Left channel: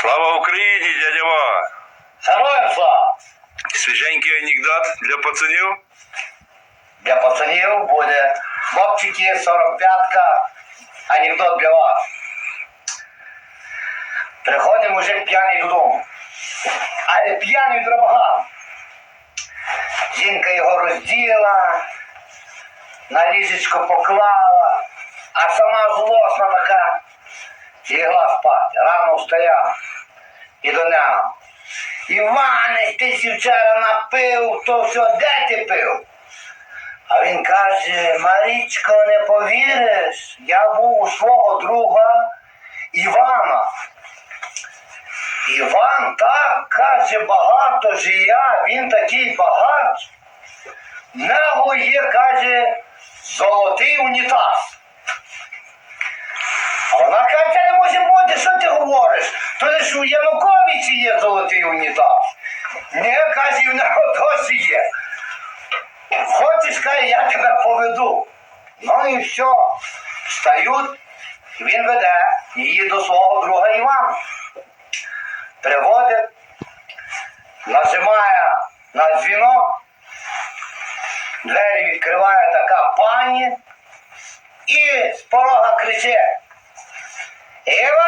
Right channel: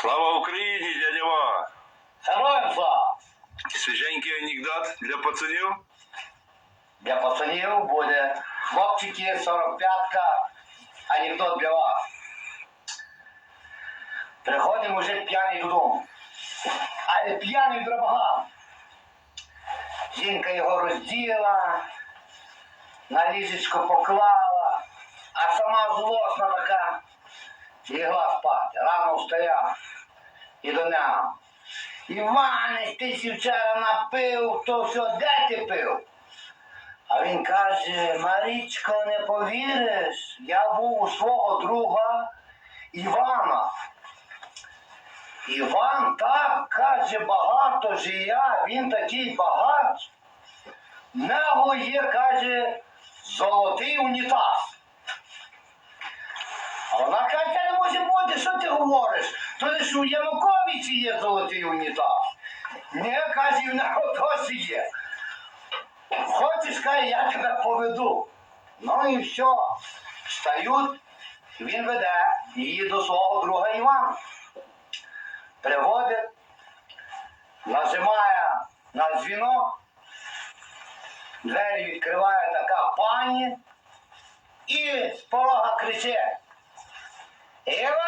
Слава Україні, дядя Ва! Героям слава! Свіженький анекдот для пацанів. Для пацанів буде хлопчики 45-ка. Анекдот для вас. Приходить мужик п'яний додому. Але п'яний драбаган. Жінка його розділа, на ліжечко поклала, а сама злосна така. Лігла спати. Рано встає і до нього. Іване, ти вчора напив, то все, де ти пив? А він каже, Марічко, не повіриш, я був у свого друга Івана. Іван так каже, багато жия, він такий багач. В є, каже, золотий унітаз. А вона каже, це не може бути, що ти говориш? То у Януковичі є золотий унітаз. Не, каже, і в нього досі є. Хочеш, каже, я тебе поведу. Ну і все. Встають, він веде її до свого друга Івана. Приводить, нажимає на дзвінок, двері відкриває така пані і з порога кричить. Іване,